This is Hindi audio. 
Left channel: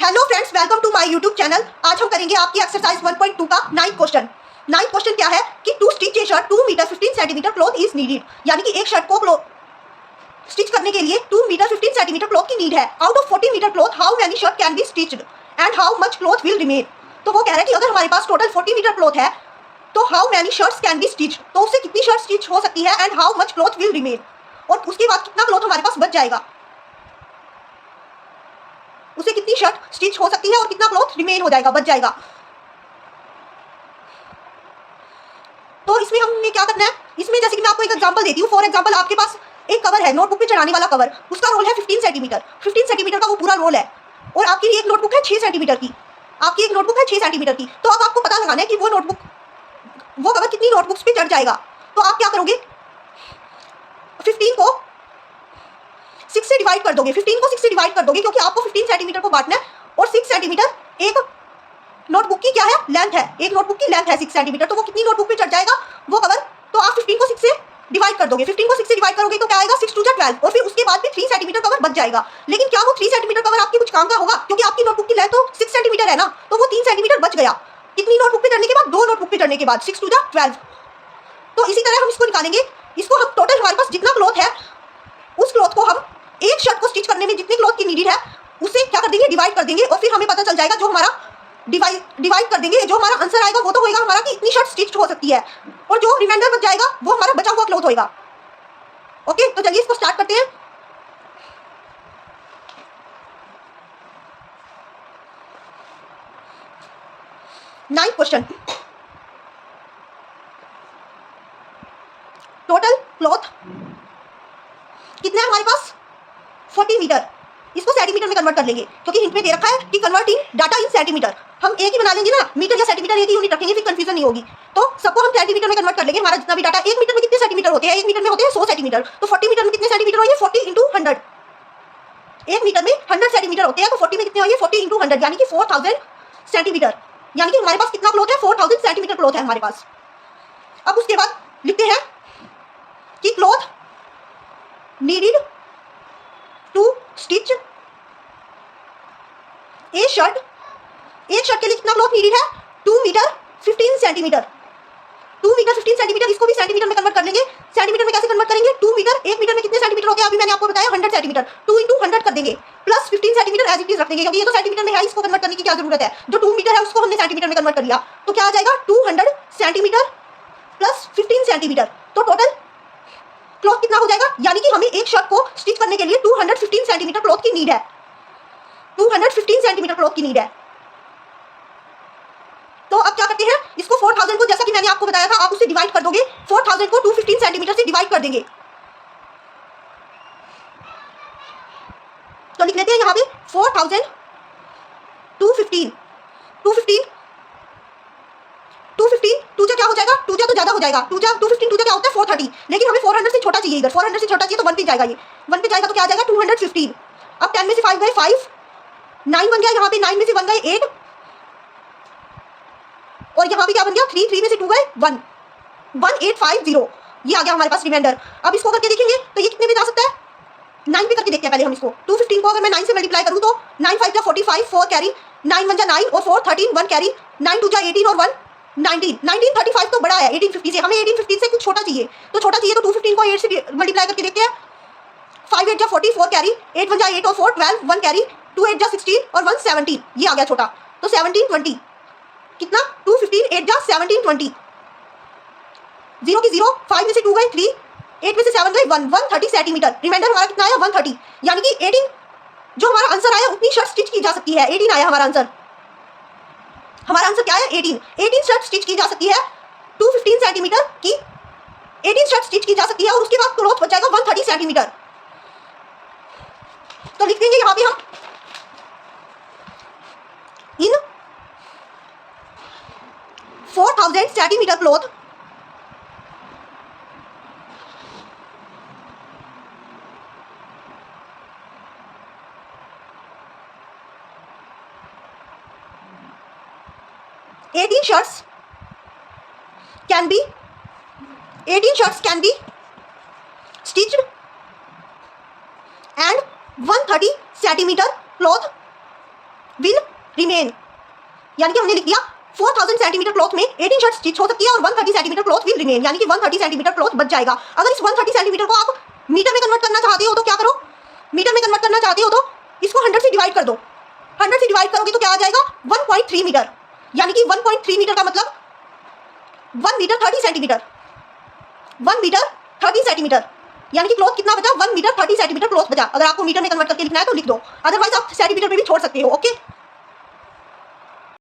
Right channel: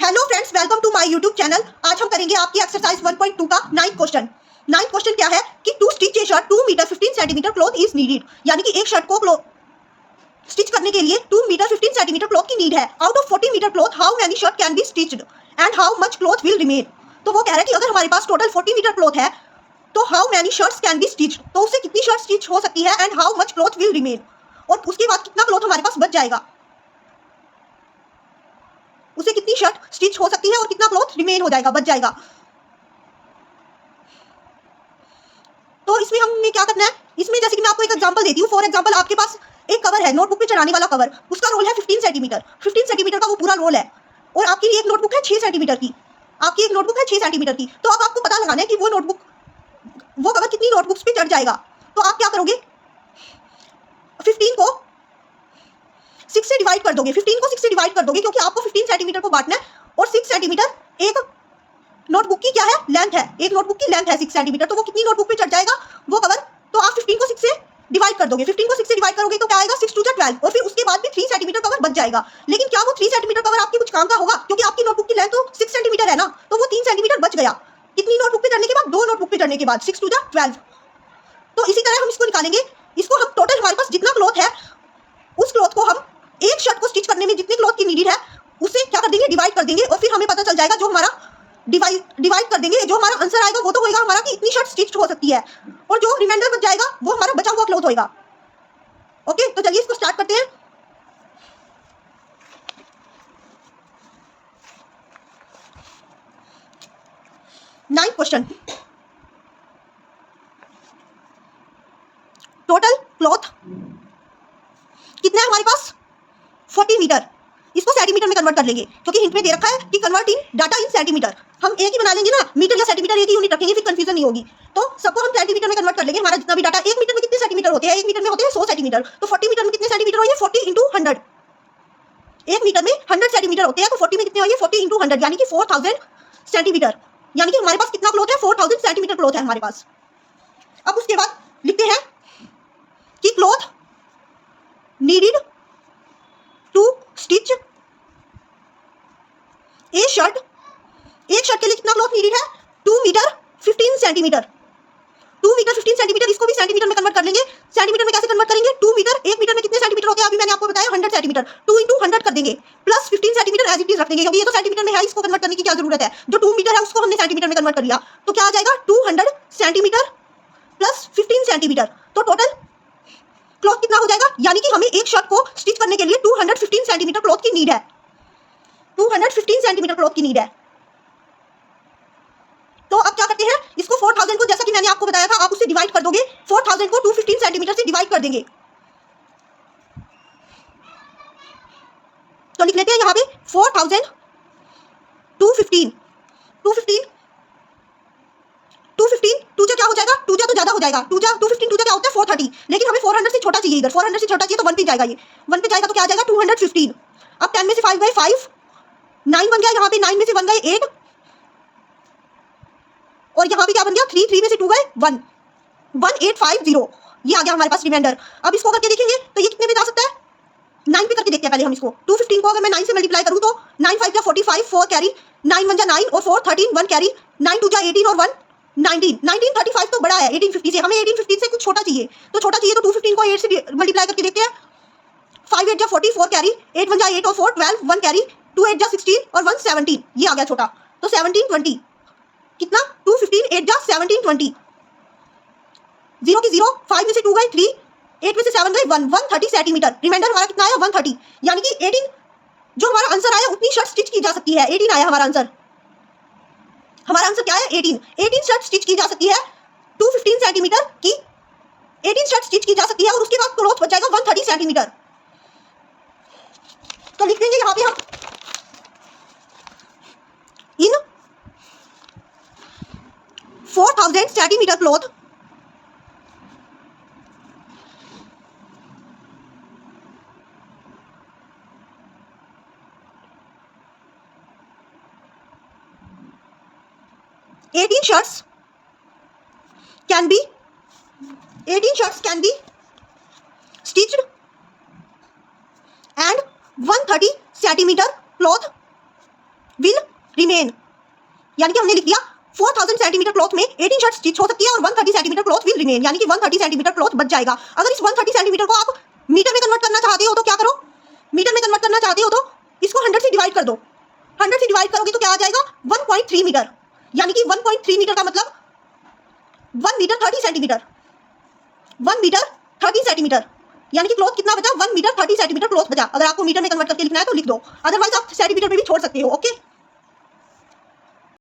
Hello friends, welcome to my YouTube channel. आज हम करेंगे आपकी एक्सरसाइज 1.2 का 9th क्वेश्चन। 9th क्वेश्चन क्या है कि to stitch a shirt 2 metre 15 centimetre cloth is needed, यानी कि एक शर्ट को स्टिच करने के लिए 2 मीटर 15 सेंटीमीटर क्लॉथ की नीड है। Out of 40 metre cloth how many shirt can be stitched and how much cloth will remain. तो वो कह रहा है कि अगर हमारे पास टोटल 40 मीटर क्लॉथ है तो how many shirts can be stitched, तो उससे कितनी शर्ट स्टिच हो सकती है and how much cloth will remain, और उसके बाद कितना क्लॉथ हमारे पास बच जाएगा, उसे कितनी शर्ट स्टिच हो सकती है और कितना क्लॉथ रिमेन हो जाएगा, बच जाएगा। तो इसमें हमने क्या करना है, इसमें जैसे कि मैं आपको एक एग्जांपल देती हूँ। फॉर एग्जांपल आपके पास एक कवर है, नोटबुक पे चढ़ाने वाला कवर, उसका रोल है 15 सेंटीमीटर। 15 सेंटीमीटर का वो पूरा रोल है, और आपकी एक नोटबुक है 6 सेंटीमीटर की। आपकी एक नोटबुक है 6 सेंटीमीटर की, तो अब आपको पता लगाना है कि वो कवर कितनी नोटबुक्स पे चढ़ जाएगा। तो आप क्या करोगे, 15 को 6 से डिवाइड कर दोगे। 15 को 6 से डिवाइड कर दोगे, क्योंकि आपको 15 सेंटीमीटर को बांटना है, और 6 सेंटीमीटर एक नोटबुक की क्या है, लेंथ है। एक नोटबुक की लेंथ है 6 सेंटीमीटर, तो वो कितनी नोटबुक पे चढ़ जाएगा वो कवर। तो आप 15 को 6 से डिवाइड कर दोगे। 15 को 6 से डिवाइड करोगे तो क्या आएगा, 6 टू 12, और फिर उसके बाद भी 3 सेंटीमीटर कवर बच जाएगा। लेकिन क्या वो 3 सेंटीमीटर कवर आपके कुछ काम का होगा, क्योंकि आपकी नोटबुक की लेंथ तो 6 सेंटीमीटर है ना, तो वो 3 सेंटीमीटर बच गया। कितनी नोटबुक पे चढ़ने के बाद, 2 नोटबुक पे चढ़ने के बाद, 6 टू 12। तो इसी तरह हम इसको निकालेंगे। इसको हम टोटल हमारे पास जितना क्लॉथ है, उस क्लॉथ को हम एक शर्ट को स्टिच करने में जितने क्लॉथ की नीडेड है उससे क्या कर देंगे, डिवाइड कर देंगे, और फिर हमें पता चल जाएगा, जो हमारा डिवाइड कर देंगे, जो हमारा आंसर आएगा वो तो होएगा हमारा कि इतनी शर्ट स्टिच हो सकती है, और जो रिमाइंडर बच जाएगा वो हमारा बचा हुआ क्लॉथ होएगा। ओके, तो चलिए इसको स्टार्ट करते हैं। नाइन्थ क्वेश्चन, टोटल क्लॉथ कितना है हमारे पास, 40 मीटर। इसको सेंटीमीटर में कन्वर्ट कर लेंगे, क्योंकि हिंट में दे रखा है कि कन्वर्टिंग डाटा इन सेंटीमीटर। हम एक ही बना लेंगे ना, मीटर या सेंटीमीटर एक ही यूनिट रखेंगे, फिर कंफ्यूजन नहीं होगी। तो सबको हम सेंटीमीटर में कन्वर्ट कर लेंगे। हमारा जितना भी डाटा, एक मीटर में कितने सेंटीमीटर होते हैं, एक मीटर में होते हैं 100 सेंटीमीटर, तो 40 मीटर में कितने सेंटीमीटर होंगे, 40 इंटू 100। एक मीटर में 100 सेंटीमीटर होते हैं, तो 40 में कितने होंगे, 40 इंटू 100, यानी कि 4000 सेंटीमीटर। यानी कि हमारे पास कितना क्लॉथ है, 4000 सेंटीमीटर क्लॉथ है हमारे पास। अब उसके बाद लिखते हैं कि cloth needed to stitch a shirt. एक शर्ट के लिए कितना क्लॉथ नीडेड है, 2 मीटर 15 सेंटीमीटर। 2 मीटर 15 सेंटीमीटर, इसको भी सेंटीमीटर में कन्वर्ट कर लेंगे। सेंटीमीटर में कैसे कन्वर्ट करेंगे, 2 मीटर, एक मीटर में कितने सेंटीमीटर होते हैं, अभी मैंने आपको बताया 100 सेंटीमीटर। 2 इंटू 100 कर देंगे, plus 15 centimetre as it is रख देंगे, क्योंकि ये तो सेंटीमीटर में है, इसको कन्वर्ट करने की क्या जरूरत है। जो 2 मीटर है उसको हमने सेंटीमीटर में कन्वर्ट कर लिया, तो क्या आ जाएगा, 200 सेंटीमीटर प्लस 15 सेंटीमीटर। तो टोटल क्लॉथ कितना हो जाएगा, यानी कि हमें एक शर्ट को स्टिच करने के लिए 215 सेंटीमीटर क्लॉथ की नीड है। 215 सेंटीमीटर क्लॉथ की नीड है। तो अब क्या करते हैं, इसको 4000 को, जैसा कि मैंने आपको बताया था, आप उससे डिवाइड कर दोगे। 4000 को 215 सेंटीमीटर से डिवाइड कर देंगे। तो लिख लेते हैं यहाँ पे 4000 215 215 215 टू जा क्या हो जाएगा, टू जा तो ज्यादा हो जाएगा, 215 टू जा क्या होता है 430, लेकिन हमें 400 से छोटा चाहिए। इधर 400 से छोटा चाहिए तो 1 पे जाएगा, ये 1 पे जाएगा तो क्या आ जाएगा 215। अब 10 में से 5 गए 5, 9 बन गया, यहाँ पे 9 में से 1 गए 8, और यहाँ पे क्या बन गया 3, 3 में से 2 गए 1, 1850, ये आ गया हमारे पास रिमाइंडर। अब इसको करके देखेंगे तो ये कितने में जा सकता है, 9 पे करके देखते हैं पहले हम इसको। 215 को अगर मैं 9 से मल्टीप्लाई करूं तो 9 5 जा 45, 4 कैरी, 9 1 जा 9 और 4 13, 1 कैरी, 9 2 जा 18 और 1 19, 1935 तो बड़ा है 1850 से, हमें 1850 से कुछ छोटा चाहिए। तो छोटा चाहिए तो 215 को 8 से मल्टीप्लाई करके देखते हैं। 5 8 जा 40, 4 कैरी, 8 1 जा 8 और 4 12, 1 कैरी, 2 8 जा 16 और 1 17, ये आ गया छोटा। तो 1720 कितना, 215 8 जा 1720, 0 की 0, 5 में से 2 गए 3, 8 में से 7 गए 1, 130 सेंटीमीटर। रिमाइंडर हमारा कितना आया 130, यानी कि 18, जो हमारा आंसर आया उतनी शर्ट स्टिच की जा सकती है। 18 आया हमारा आंसर। हमारा आंसर क्या है, 18 शर्ट स्टिच की जा सकती है 215 सेंटीमीटर की। 18 शर्ट स्टिच की जा सकती है, और उसके बाद क्लॉथ बच जाएगा 130 सेंटीमीटर। तो लिख देंगे यहाँ पे हम, इन 4000 centimetre cloth, eighteen shirts can be 18 shirts can be stitched and 130 centimeter cloth will remain, यानी कि हमने लिख दिया 4000 सेंटीमीटर क्लॉथ में 18 शर्ट्स स्टिच हो सकती है और 130 सेंटीमीटर क्लॉथ विल रिमेन, यानी कि 130 सेंटीमीटर क्लॉथ बच जाएगा। अगर इस 130 सेंटीमीटर को आप मीटर में कन्वर्ट करना चाहते हो तो क्या करो, मीटर में कन्वर्ट करना चाहते हो तो इसको 100 से डिवाइड कर दो। 100 से डिवाइड करोगे तो क्या आ जाएगा 1.3 मीटर, यानी कि 1.3 मीटर का मतलब 1 मीटर 30 सेंटीमीटर, 1 मीटर 30 सेंटीमीटर, यानी कि क्लॉथ कितना बचा 1 मीटर 30 सेंटीमीटर क्लॉथ बचा। अगर आपको मीटर में कन्वर्ट करके लिखना है तो लिख दो, अदरवाइज आप सेंटीमीटर में भी छोड़ सकते हो। ओके।